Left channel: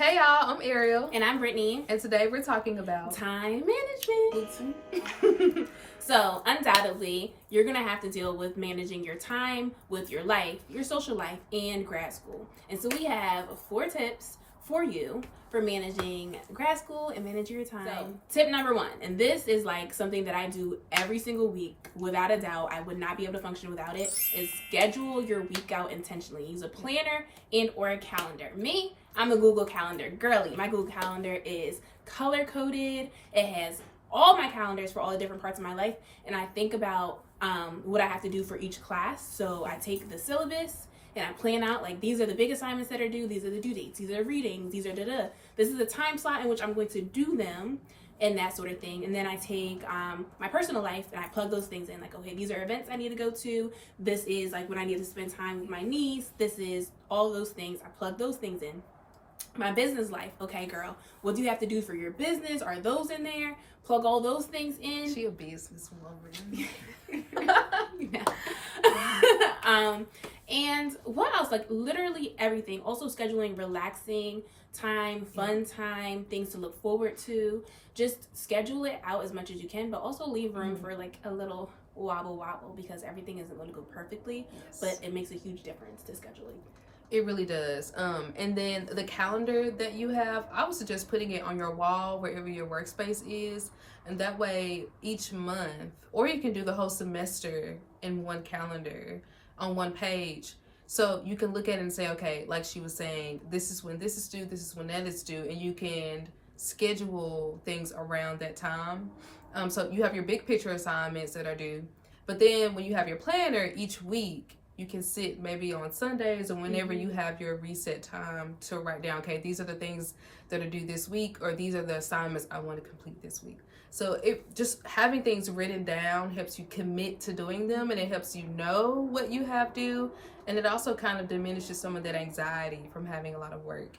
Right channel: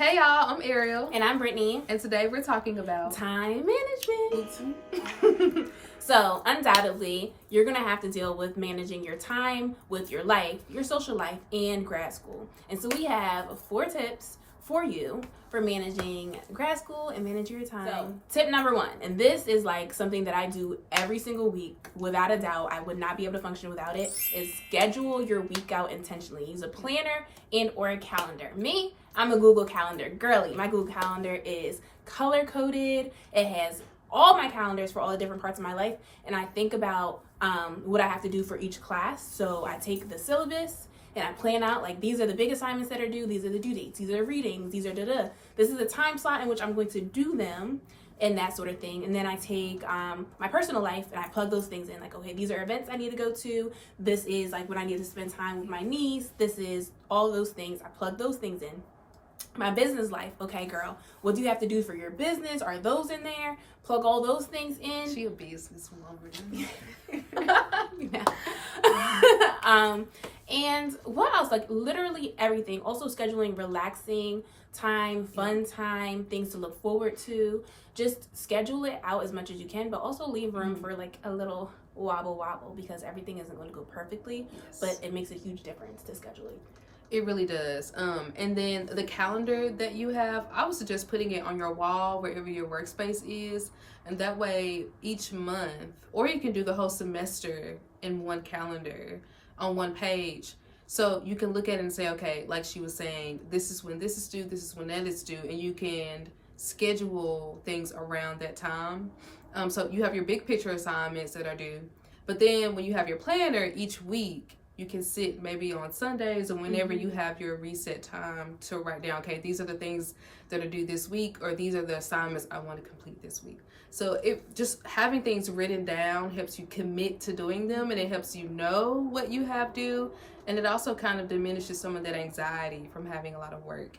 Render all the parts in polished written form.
Hey y'all, I'm Ariel. And I'm Brittany. And today we're talking about time management. So, undoubtedly, you're going to have to deal with managing your time with your life, your social life, and grad school. And so we have 4 tips for you for managing grad school and managing your time. So, tip number 1, and this is like something that I do every single week, without a doubt. I would not be able to function without it, is schedule your week out intentionally. Use a planner and or a calendar. Me, I'm a Google Calendar girly. My Google Calendar is color-coded. It has all my calendars for all the different parts of my life, and I think about what I have to do for each class. So I take the syllabus and I plan out, like, these are the big assignments that are due, these are the due dates, these are the readings, these are this is the time slot in which I'm going to do them, and that sort of thing. And then I take my personal life and I plug those things in, like, okay, these are events I need to go to, this is like when I need to spend time with my niece, this is all those things. I plug those things in. My business life, okay, girl, what do you have to do for your business? Are those in there? Plug all those things in. She a business woman. And what else? Like, literally everything. Also scheduling relaxing time, fun time, things to look forward to. Just schedule it out as much as you can, but also leave room for like a little wobble, because everything isn't going to go perfectly, but it makes a huge difference to scheduling. It really does. And then the calendar that you have, I would suggest putting it on your wall wherever your workspace is. And that way each month, or you can do the whole semester in one calendar on one page. So you can look at it and say, okay, like she was saying, this is when this is due, this is when that is due. And you can schedule things around that time. So you have your big picture assignments that are due. But then when you have your planner each week, you can sit maybe on Sundays or whenever you have your reset time to write down, okay, these are the things that are due this week, or these are the assignments I want to complete this week. So it just having things written down helps you commit to doing them, and it helps you know what you have due. And it also kind of diminishes some of that anxiety from having a lot of work,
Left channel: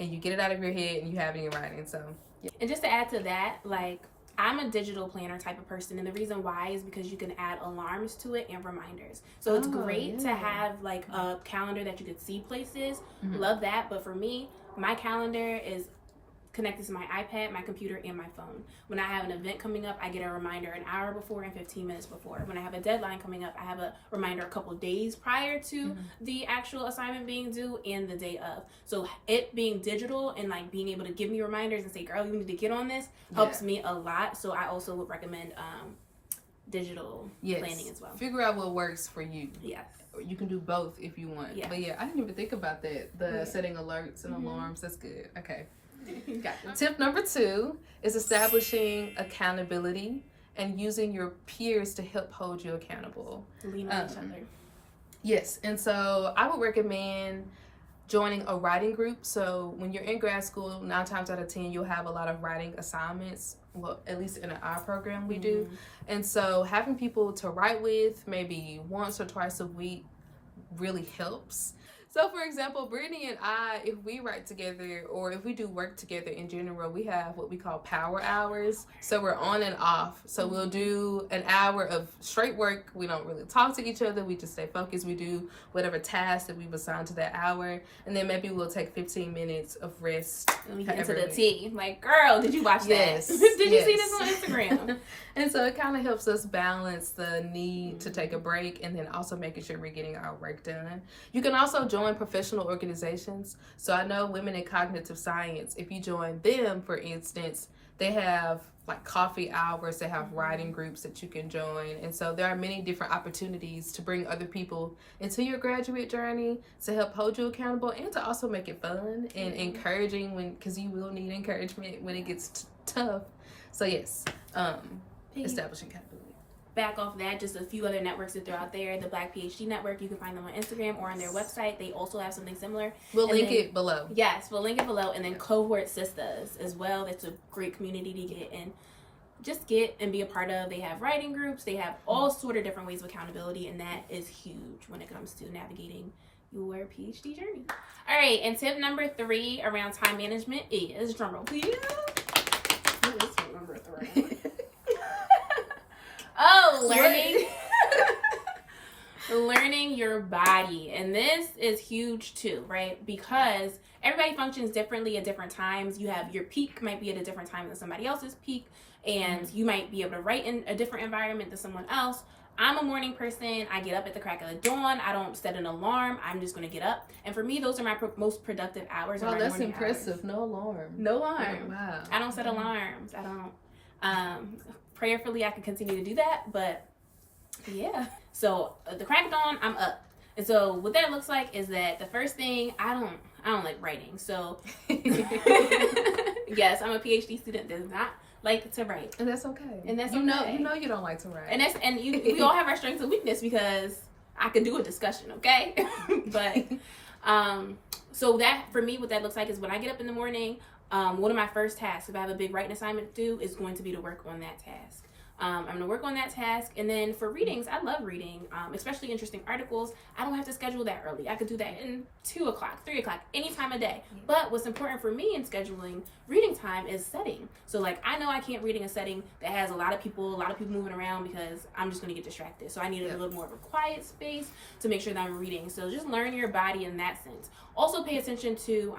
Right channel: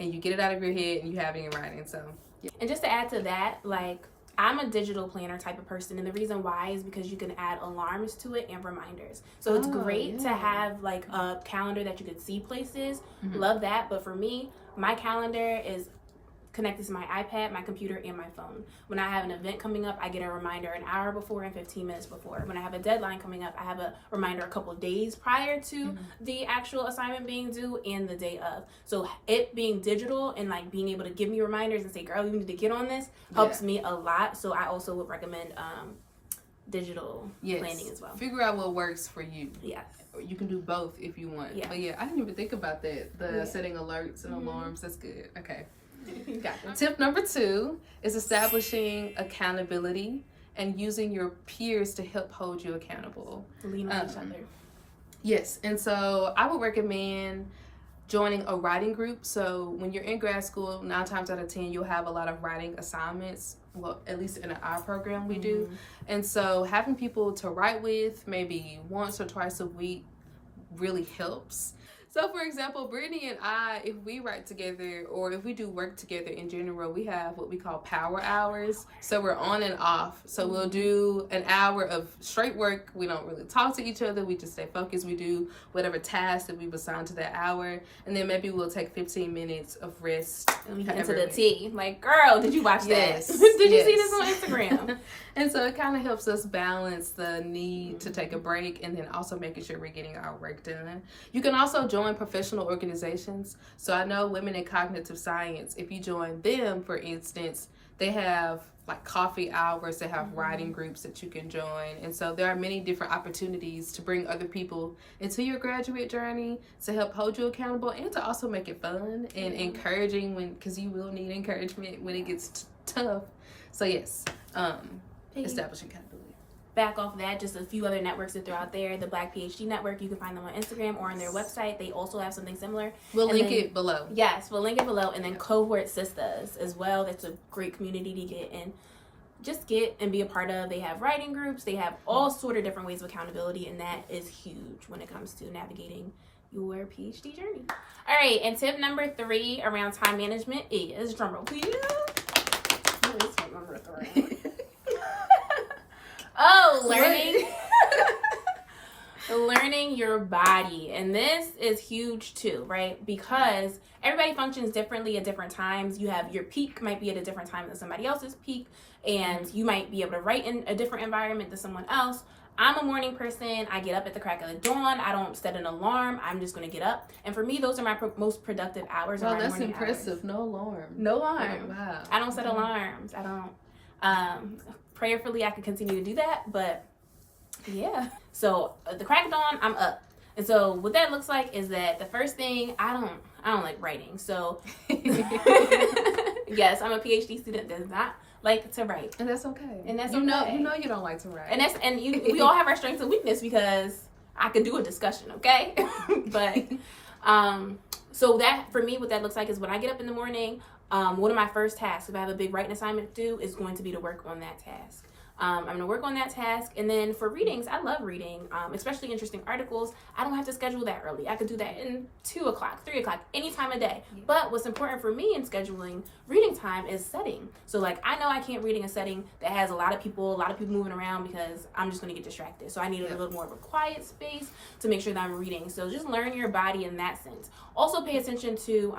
and you get it out of your head and you have it in writing. So, yeah. And just to add to that, like, I'm a digital planner type of person, and the reason why is because you can add alarms to it and reminders. So it's great to have like a calendar that you could see places. Love that. But for me, my calendar is connected to my iPad, my computer, and my phone. When I have an event coming up, I get a reminder an hour before and 15 minutes before. When I have a deadline coming up, I have a reminder a couple days prior to the actual assignment being due and the day of. So it being digital and like being able to give me reminders and say, girl, you need to get on this, helps me a lot. So I also would recommend digital planning as well. Figure out what works for you. Yes. You can do both if you want. But yeah, I didn't even think about that. The setting alerts and alarms. That's good. Okay. Gotcha. Tip number 2 is establishing accountability and using your peers to help hold you accountable. Lean on each other. Yes, and so I would recommend joining a writing group. So when you're in grad school, 9 times out of 10, you'll have a lot of writing assignments. Well, at least in our program we do. And so having people to write with maybe once or twice a week really helps. So, for example, Brittany and I, if we write together or if we do work together in general, we have what we call power hours. So we're on and off. So we'll do an hour of straight work. We don't really talk to each other. We just stay focused. We do whatever task that we've assigned to that hour. And then maybe we'll take 15 minutes of rest. And get into the tea. Like, girl, did you watch that? Did you see this on Instagram? And so it kind of helps us balance the need to take a break and then also making sure we're getting our work done. You can also join professional organizations. So I know Women in Cognitive Science, if you join them, for instance, they have like coffee hours, they have writing groups that you can join. And so there are many different opportunities to bring other people into your graduate journey to help hold you accountable and to also make it fun and encouraging, because you will need encouragement when it gets tough. So yes, establishing accountability. Back off that, just a few other networks that they're out there. The Black PhD Network, you can find them on Instagram or on their website. They also have something similar. We'll link it below. Yes, we'll link it below. And then Cohort Sisters as well. That's a great community to get in. Just get and be a part of. They have writing groups. They have all sort of different ways of accountability, and that is huge when it comes to navigating your PhD journey. All right, and tip number 3 around time management is, drumroll please. What is tip number 3? Learning your body. And this is huge too, right? Because everybody functions differently at different times. You have your peak might be at a different time than somebody else's peak. And you might be able to write in a different environment than someone else. I'm a morning person. I get up at the crack of the dawn. I don't set an alarm. I'm just going to get up. And for me, those are my most productive hours. Well, that's impressive. Hours. No alarm. No alarm. Wow. I don't set alarms. I don't. Prayerfully, I can continue to do that. But yeah. So the crack of dawn, I'm up. And so what that looks like is that the first thing, I don't like writing. So yes, I'm a PhD student that does not like to write, and that's okay. And that's you know you don't like to write, and we all have our strengths and weakness, because I could do a discussion, okay? But so that for me, what that looks like is when I get up in the morning, one of my first tasks, if I have a big writing assignment to do, is going to be to work on that task. I'm going to work on that task. And then for readings, I love reading, especially interesting articles. I don't have to schedule that early. I could do that in 2 o'clock, 3 o'clock, any time of day. Yeah. But what's important for me in scheduling reading time is setting. So like, I know I can't read in a setting that has a lot of people moving around, because I'm just going to get distracted. So I need a little more of a quiet space to make sure that I'm reading. So just learn your body in that sense. Also pay attention to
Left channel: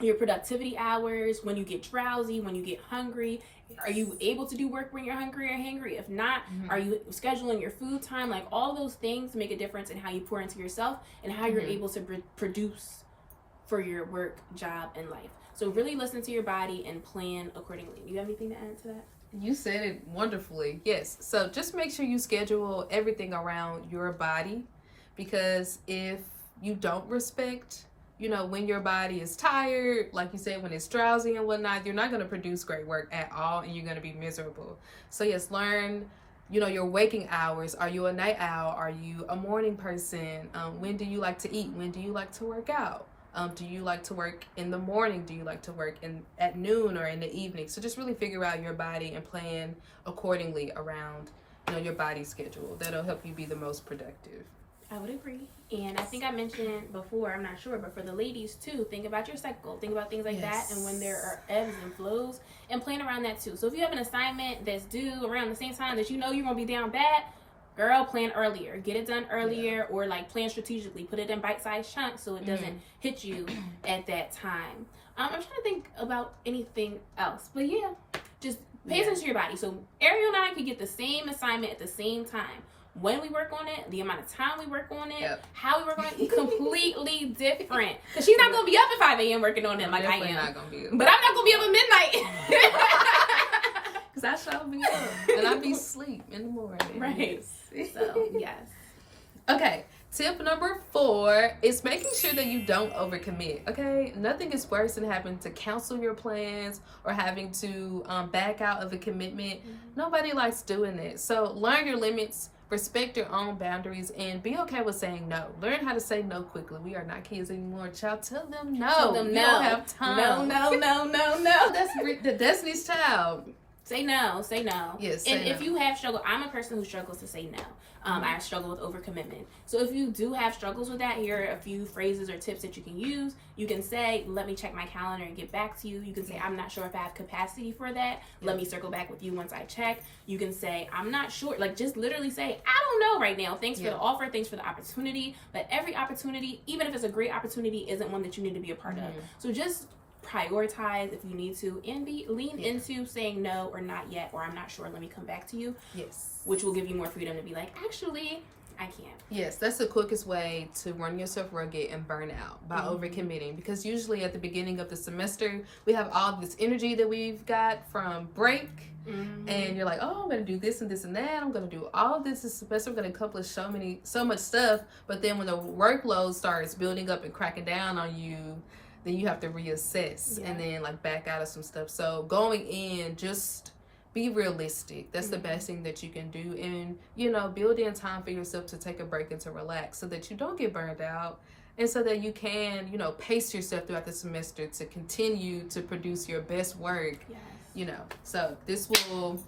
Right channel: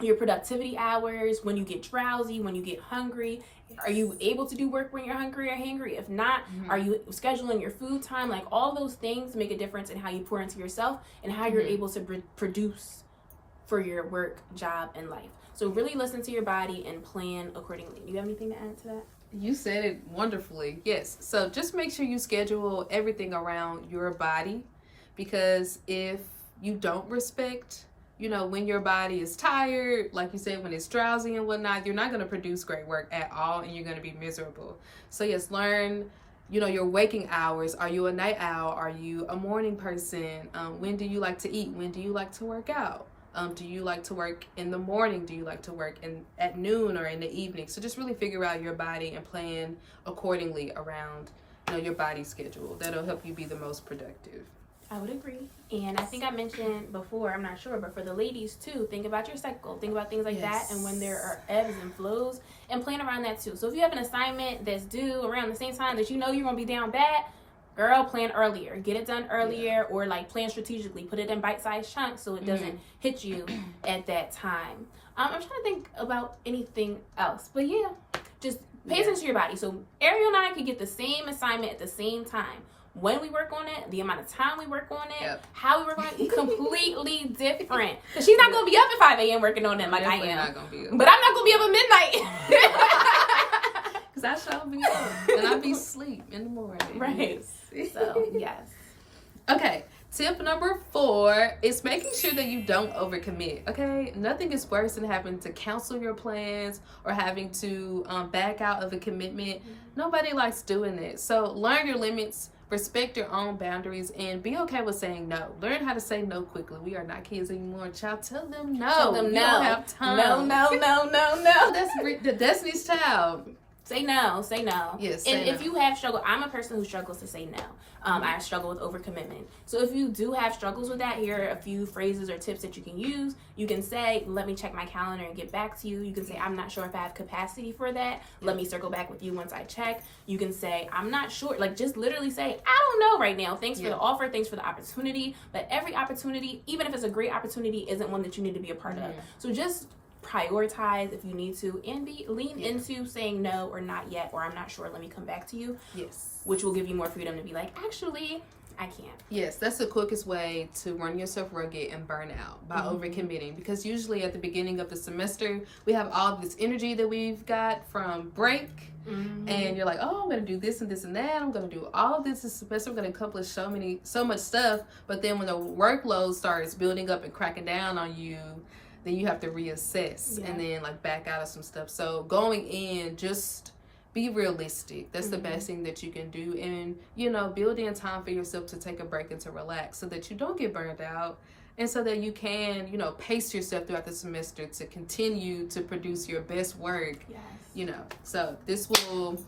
your productivity hours, when you get drowsy, when you get hungry. Are you able to do work when you're hungry or hangry? If not, are you scheduling your food time? Like, all those things make a difference in how you pour into yourself and how you're able to produce for your work, job, and life. So really listen to your body and plan accordingly. Do you have anything to add to that? You said it wonderfully. Yes. So just make sure you schedule everything around your body, because if you don't respect, when your body is tired, like you said, when it's drowsy and whatnot, you're not going to produce great work at all, and you're going to be miserable. So yes, learn, your waking hours. Are you a night owl? Are you a morning person? When do you like to eat? When do you like to work out? Do you like to work in the morning? Do you like to work at noon or in the evening? So just really figure out your body and plan accordingly around, your body schedule. That'll help you be the most productive. I would agree. And I think I mentioned before, I'm not sure, but for the ladies too, think about your cycle. Think about things like that, and when there are ebbs and flows, and plan around that too. So if you have an assignment that's due around the same time that you're going to be down bad, girl, plan earlier. Get it done earlier, or like plan strategically. Put it in bite-sized chunks so it doesn't hit you at that time. I'm trying to think about anything else. But yeah, just pay attention to your body. So Ariel and I can get the same assignment at the same time. When we work on it, the amount of time we work on it, how we work on it, completely different. Because she's not going to be up at 5 a.m. working on it like I am. Not gonna be up. But I'm not going to be up at midnight. Because I shall be up. And I be asleep in the morning. Right. So, yes. Okay. Tip number 4 is making sure that you don't overcommit, okay? Nothing is worse than having to cancel your plans or having to back out of a commitment. Nobody likes doing it. So learn your limits, respect your own boundaries, and be okay with saying no. Learn how to say no quickly. We are not kids anymore. Child, tell them no. Tell them you don't have time. No. That's the Destiny's Child. Say no. Yes, and if you have struggle, I'm a person who struggles to say no. I struggle with overcommitment. So if you do have struggles with that, here are a few phrases or tips that you can use. You can say, let me check my calendar and get back to you. You can say, I'm not sure if I have capacity for that. Let me circle back with you once I check. You can say, I'm not sure. Like, just literally say, I don't know right now. Thanks for the offer. Thanks for the opportunity. But every opportunity, even if it's a great opportunity, isn't one that you need to be a part of. So just prioritize if you need to, and lean into saying no or not yet, or I'm not sure, let me come back to you. Yes. Which will give you more freedom to be like, actually, I can't. Yes, that's the quickest way to run yourself rugged and burn out, by overcommitting. Because usually at the beginning of the semester, we have all this energy that we've got from break. And you're like, oh, I'm going to do this and this and that. I'm going to do all this semester. I'm going to accomplish so much stuff. But then when the workload starts building up and cracking down on you, then you have to reassess and then like back out of some stuff. So going in, just be realistic. That's the best thing that you can do. And, build in time for yourself to take a break and to relax so that you don't get burned out, and so that you can, pace yourself throughout the semester to continue to produce your best work. So this will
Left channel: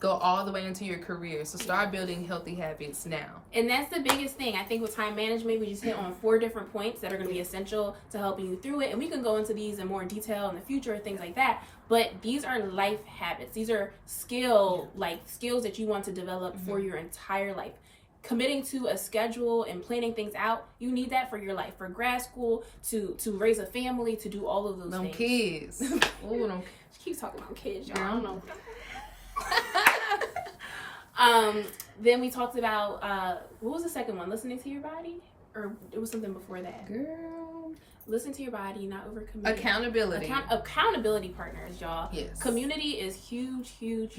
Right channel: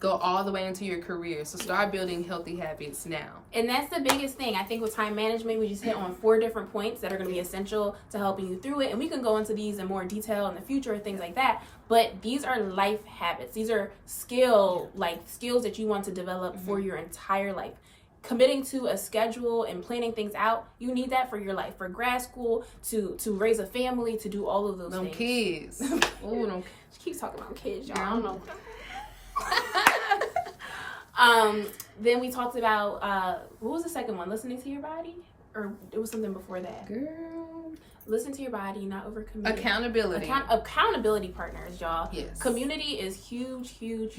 go all the way into your career. So start building healthy habits now. And that's the biggest thing. I think with time management, we just hit on 4 different points that are going to be essential to helping you through it. And we can go into these in more detail in the future, things like that. But these are life habits. These are skills that you want to develop for your entire life. committing to a schedule and planning things out, you need that for your life, for grad school, to raise a family, to do all of those them things. kids. Ooh, them kids. She keeps talking about kids, y'all. I don't know. Then we talked about what was the second one? Listening to your body, or it was something before that. Girl, listen to your body, not overcommit. Accountability. Accountability partners, y'all. Yes. Community is huge. Huge.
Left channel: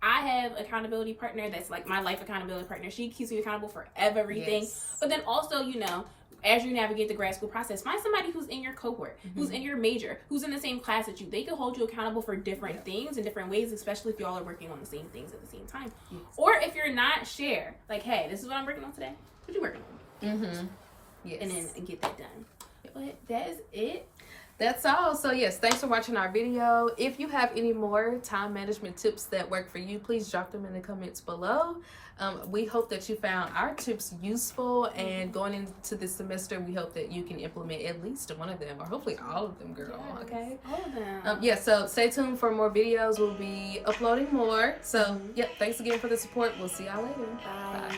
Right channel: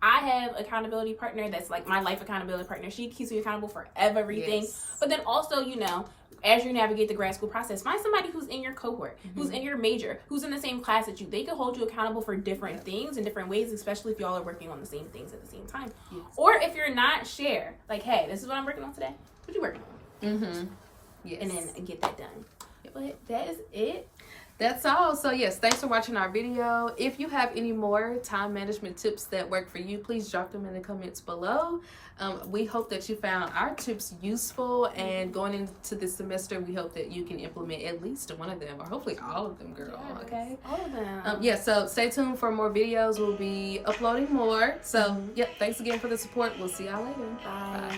I have accountability partner that's like my life accountability partner. She keeps me accountable for everything. Yes. But then also, you know, as you navigate the grad school process, find somebody who's in your cohort, who's in your major, who's in the same class as you. They can hold you accountable for different things in different ways, especially if y'all are working on the same things at the same time. Yes. Or if you're not, share. Like, hey, this is what I'm working on today. What you working on? Yes. And then get that done. But that is it. That's all. So yes, thanks for watching our video. If you have any more time management tips that work for you, please drop them in the comments below. We hope that you found our tips useful, and going into this semester, we hope that you can implement at least one of them, or hopefully all of them, girl. Yes, okay? all of them. Yeah, so stay tuned for more videos. We'll be uploading more. So, yeah, thanks again for the support. We'll see y'all later. Bye.